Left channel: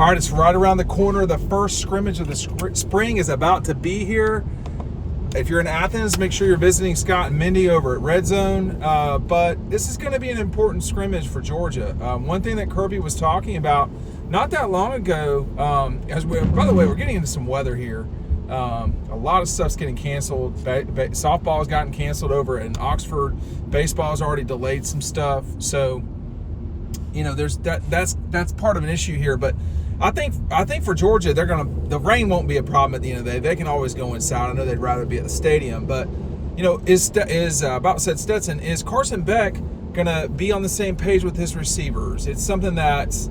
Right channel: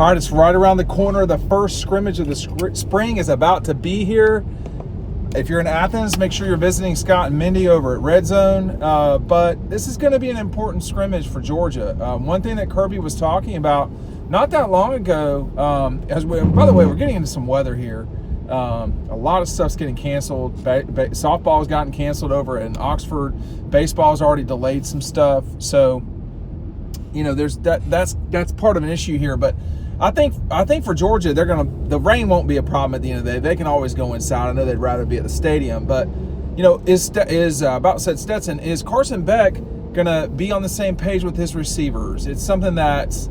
All right, it's right around the corner. The first scrimmage of the spring is about to be here. If you're in Athens, make sure you're visiting Scott and Mindy over at Red Zone. But this is going to be an important scrimmage for Georgia. One thing that Kirby was talking about not that long ago, by the way, we're getting into some weather here. A lot of stuff's getting canceled. Softball has gotten canceled over in Oxford. Baseball has already delayed some stuff. So, there's that's part of an issue here. But I think for Georgia, the rain won't be a problem at the end of the day. They can always go inside. I know they'd rather be at the stadium, but Stetson, is Carson Beck gonna be on the same page with his receivers? It's something that's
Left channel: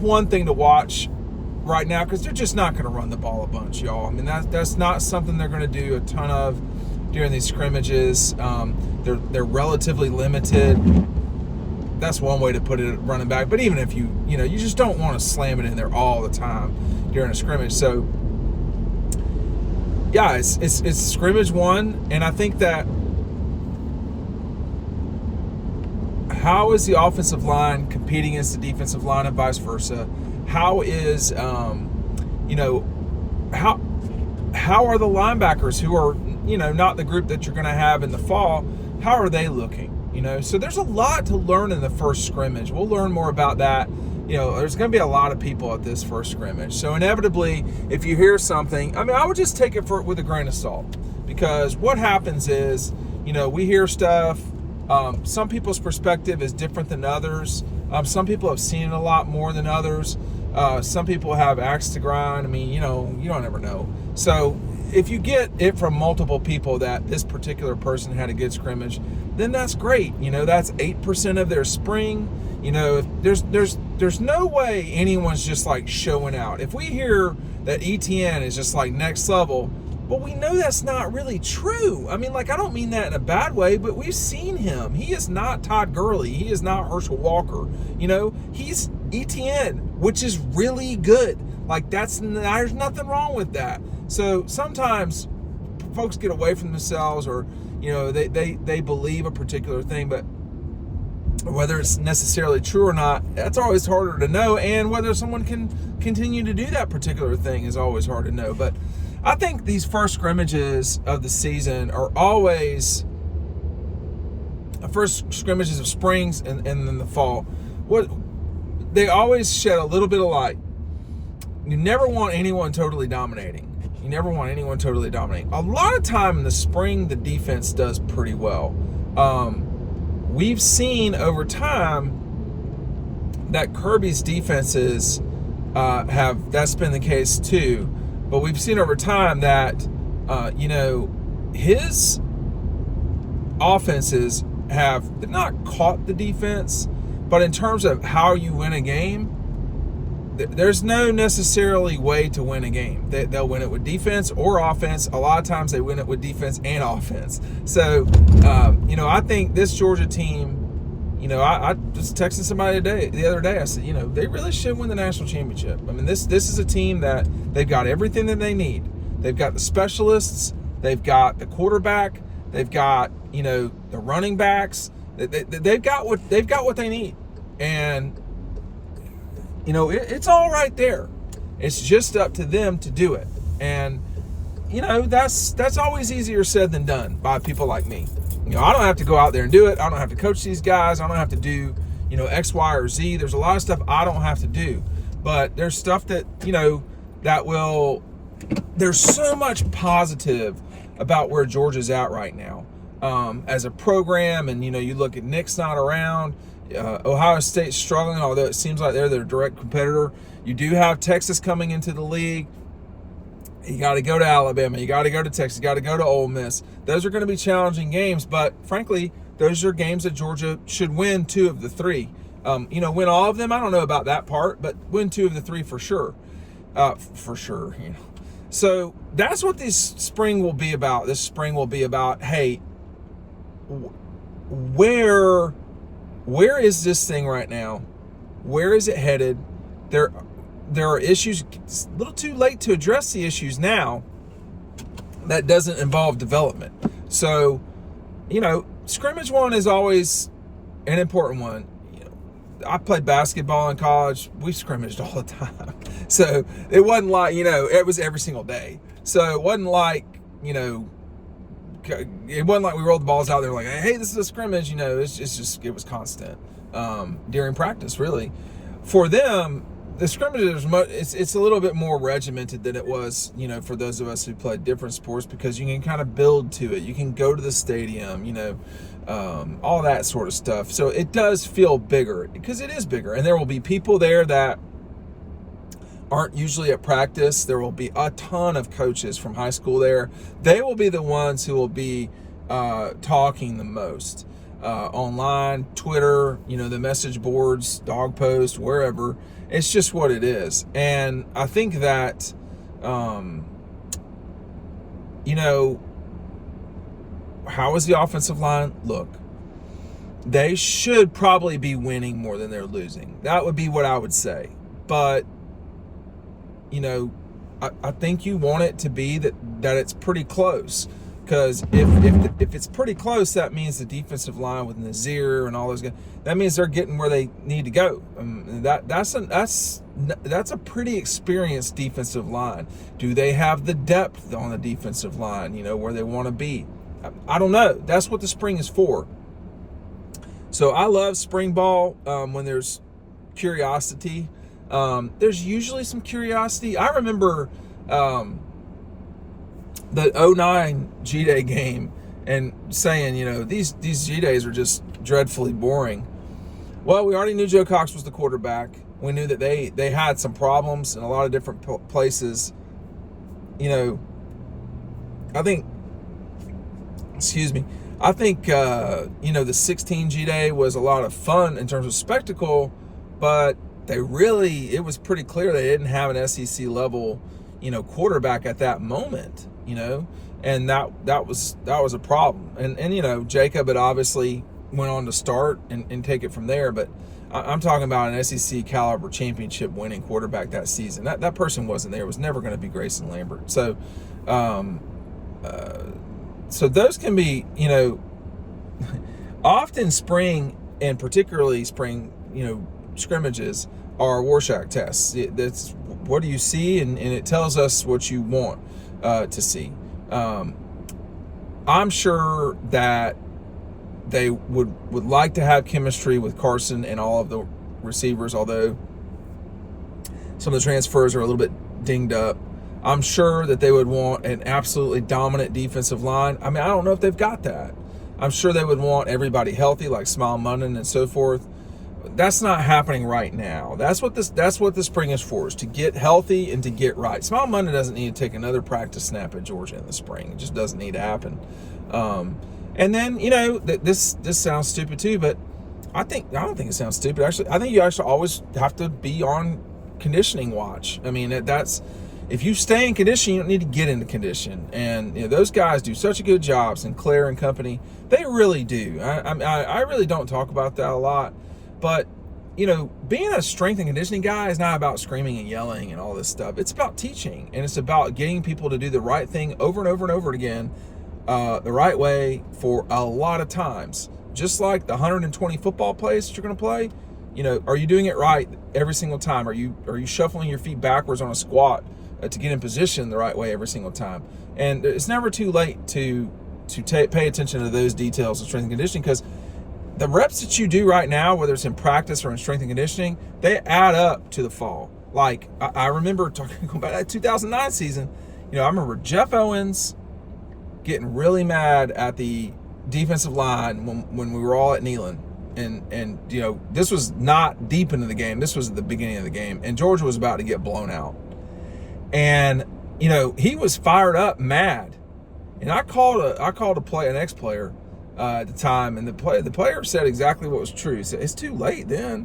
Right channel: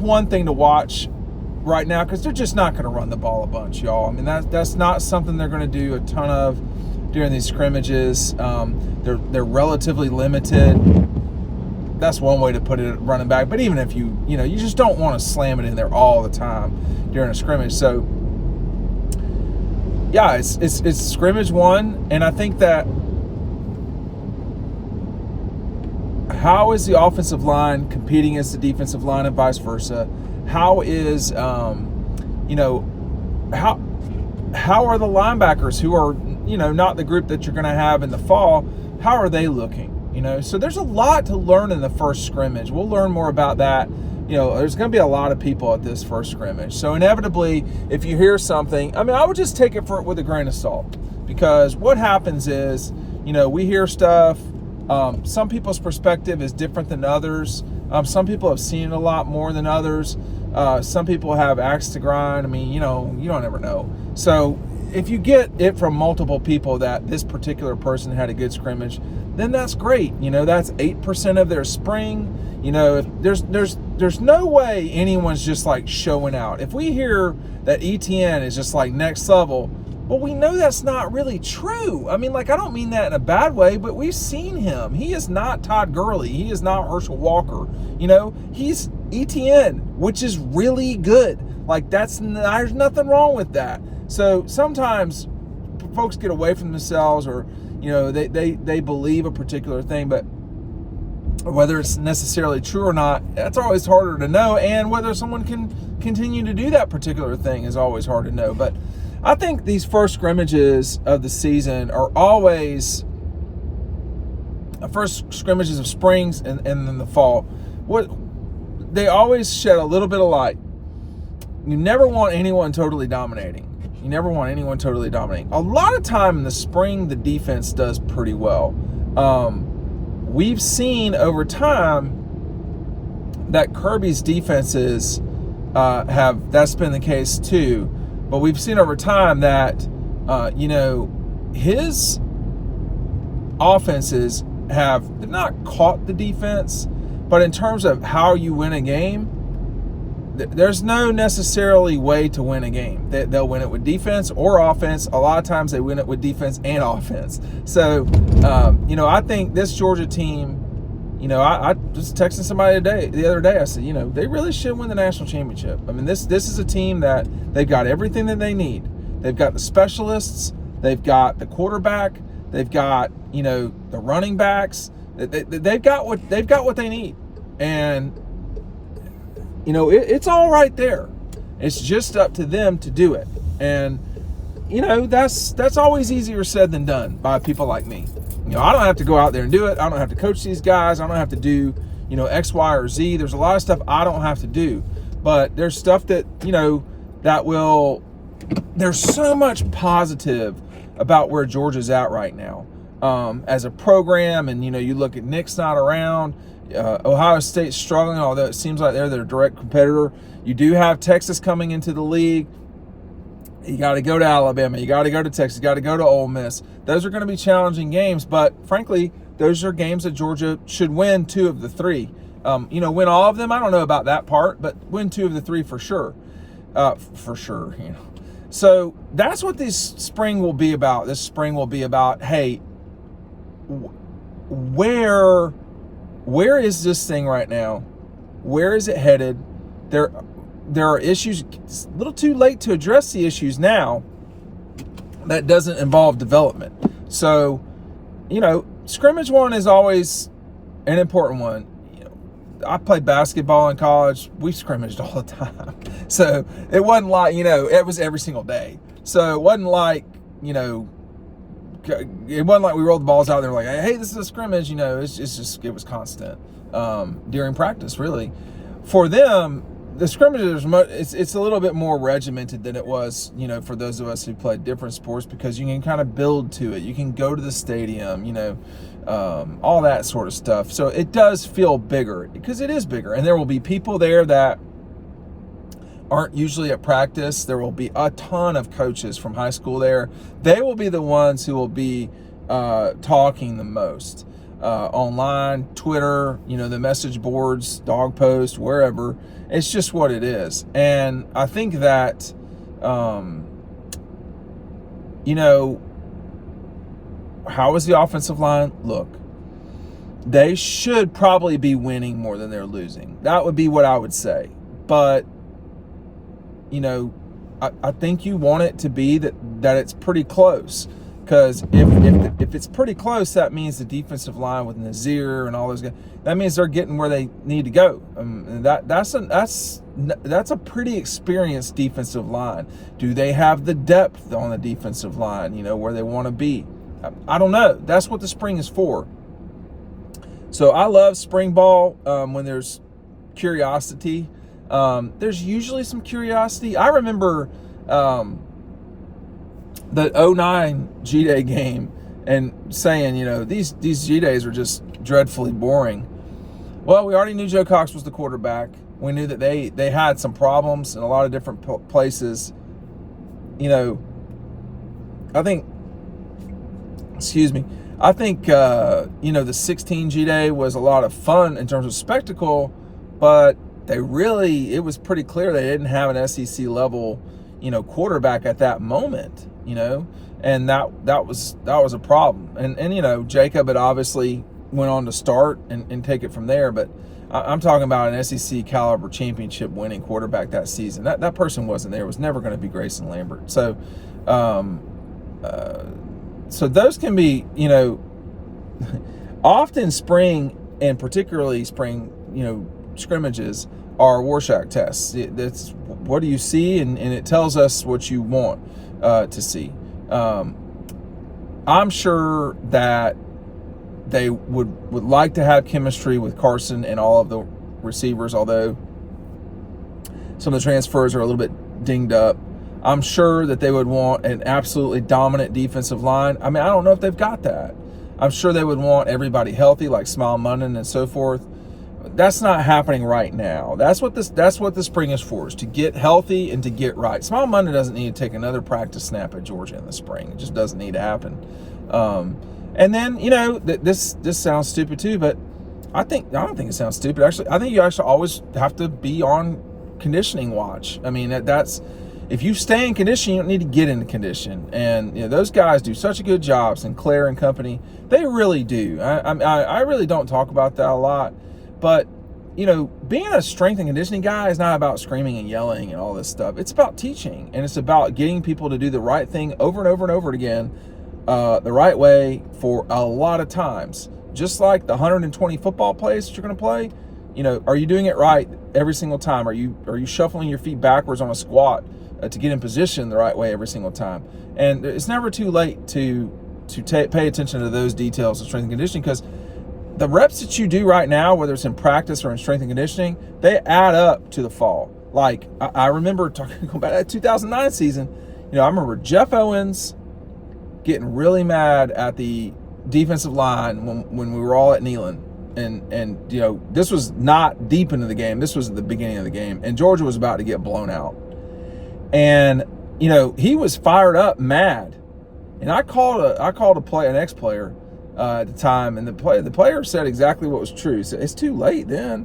one thing to watch right now, because they're just not going to run the ball a bunch, y'all. I mean, that's not something they're going to do a ton of during these scrimmages. They're relatively limited. That's one way to put it, running back. But even if you just don't want to slam it in there all the time during a scrimmage. So yeah, it's scrimmage one, and I think that how is the offensive line competing against the defensive line and vice versa? How is, how are the linebackers who are, not the group that you're going to have in the fall, how are they looking? So there's a lot to learn in the first scrimmage. We'll learn more about that. There's going to be a lot of people at this first scrimmage. So inevitably, if you hear something, I would just take it with a grain of salt, because what happens is, we hear stuff. Some people's perspective is different than others. Some people have seen it a lot more than others. Some people have axe to grind. You don't ever know. So if you get it from multiple people that this particular person had a good scrimmage, then that's great. That's 8% of their spring. There's no way anyone's just like showing out. If we hear that ETN is just like next level, well, we know that's not really true. I don't mean that in a bad way, but we've seen him. He is not Todd Gurley. He is not Herschel Walker. He's ETN, which is really good. There's nothing wrong with that. So sometimes folks get away from themselves, or, they believe a particular thing, but whether it's necessarily true or not, that's always harder to know. And whether someone can continue to do that particular thing is always hard to know. But I think these first scrimmages of the season are always first scrimmages of springs and then the fall. They always shed a little bit of light. You never want anyone totally dominating. A lot of time in the spring, the defense does pretty well. We've seen over time that Kirby's defenses that's been the case too. But we've seen over time that, his offenses they've not caught the defense, but in terms of how you win a game, there's no necessarily way to win a game. They'll win it with defense or offense. A lot of times they win it with defense and offense. So, I think this Georgia team, I was texting somebody the other day. I said, they really should win the national championship. This is a team that they've got everything that they need. They've got the specialists. They've got the quarterback. They've got, the running backs. They've got what they need. And, it's all right there. It's just up to them to do it. And, that's always easier said than done by people like me. I don't have to go out there and do it. I don't have to coach these guys. I don't have to do, X, Y, or Z. There's a lot of stuff I don't have to do. But there's stuff that, there's so much positive about where Georgia's at right now as a program. And, you look at Nick's not around. Ohio State's struggling, although it seems like they're their direct competitor. You do have Texas coming into the league. You got to go to Alabama. You got to go to Texas. You got to go to Ole Miss. Those are going to be challenging games, but frankly, those are games that Georgia should win 2 of the 3. Win all of them, I don't know about that part, but win 2 of the 3 for sure. So that's what this spring will be about. This spring will be about, hey, where is this thing right now? Where is it headed? There are issues. It's a little too late to address the issues now. That doesn't involve development. So, scrimmage one is always an important one. I played basketball in college. We scrimmaged all the time. So it wasn't like, it was every single day. So it wasn't like, it wasn't like we rolled the balls out there like, hey, this is a scrimmage. It was constant during practice, really. For them, the scrimmages, it's a little bit more regimented than it was, for those of us who played different sports, because you can kind of build to it. You can go to the stadium, all that sort of stuff. So it does feel bigger because it is bigger. And there will be people there that aren't usually at practice. There will be a ton of coaches from high school there. They will be the ones who will be talking the most online, Twitter, the message boards, Dawg posts, wherever. It's just what it is. And I think that, how is the offensive line? Look, they should probably be winning more than they're losing. That would be what I would say. But I think you want it to be that it's pretty close, because if it's pretty close, that means the defensive line with Nazir and all those guys, that means they're getting where they need to go. That's a pretty experienced defensive line. Do they have the depth on the defensive line? Where they want to be. I don't know. That's what the spring is for. So I love spring ball when there's curiosity. There's usually some curiosity. I remember the 09 G-Day game and saying, these G-Days are just dreadfully boring. Well, we already knew Joe Cox was the quarterback. We knew that they had some problems in a lot of different places. I think the 16 G-Day was a lot of fun in terms of spectacle, but it was pretty clear they didn't have an SEC level, quarterback at that moment, and that was a problem. And Jacob had obviously went on to start and take it from there, but I'm talking about an SEC caliber championship winning quarterback that season. That person wasn't there. It was never going to be Grayson Lambert. So, so those can be, often spring, and particularly spring, scrimmages are Rorschach tests. That's what do you see, and it tells us what you want to see. I'm sure that they would like to have chemistry with Carson and all of the receivers, although some of the transfers are a little bit dinged up. I'm sure that they would want an absolutely dominant defensive line. I don't know if they've got that. I'm sure they would want everybody healthy, like Smile Munnon and so forth. That's not happening right now. That's what the spring is for, is to get healthy and to get right. Smile Munnon doesn't need to take another practice snap at Georgia in the spring. It just doesn't need to happen. And then, this sounds stupid too, but I don't think it sounds stupid. Actually, I think you actually always have to be on conditioning watch. That's, if you stay in condition, you don't need to get into condition. And those guys do such a good job, Sinclair and company. They really do. I really don't talk about that a lot, but being a strength and conditioning guy is not about screaming and yelling and all this stuff. It's about teaching, and it's about getting people to do the right thing over and over and over again, the right way for a lot of times. Just like the 120 football plays that you're going to play, are you doing it right every single time? Are you shuffling your feet backwards on a squat to get in position the right way every single time? And it's never too late to pay attention to those details of strength and conditioning, because the reps that you do right now, whether it's in practice or in strength and conditioning, they add up to the fall. Like, I remember talking about that 2009 season. I remember Jeff Owens getting really mad at the defensive line when we were all at Neyland. And this was not deep into the game. This was at the beginning of the game. And Georgia was about to get blown out. And, he was fired up, mad. And I called an ex-player at the time, and the player said exactly what was true. He said, it's too late then,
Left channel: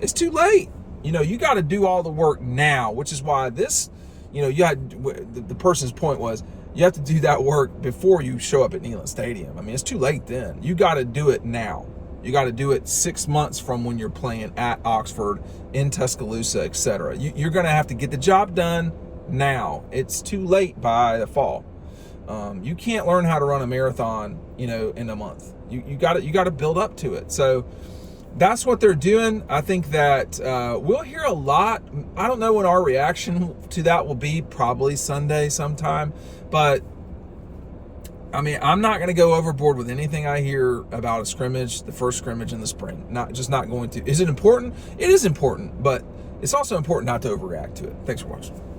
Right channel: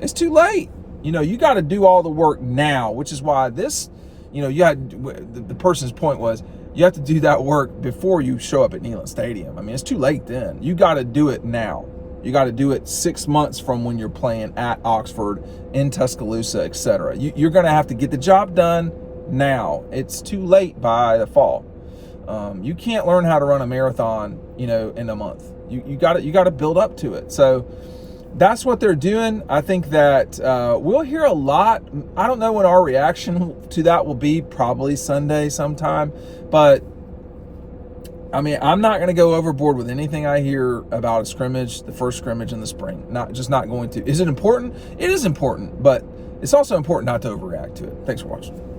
it's too late. You got to do all the work now, which is why this, the person's point was, you have to do that work before you show up at Neyland Stadium. It's too late then. You got to do it now. You got to do it 6 months from when you're playing at Oxford, in Tuscaloosa, etc. You're going to have to get the job done now. It's too late by the fall. You can't learn how to run a marathon, in a month. You got to build up to it. So that's what they're doing. I think that we'll hear a lot. I don't know when our reaction to that will be, probably Sunday sometime. But, I mean, I'm not going to go overboard with anything I hear about a scrimmage, the first scrimmage in the spring. Not going to. Is it important? It is important, but it's also important not to overreact to it. Thanks for watching.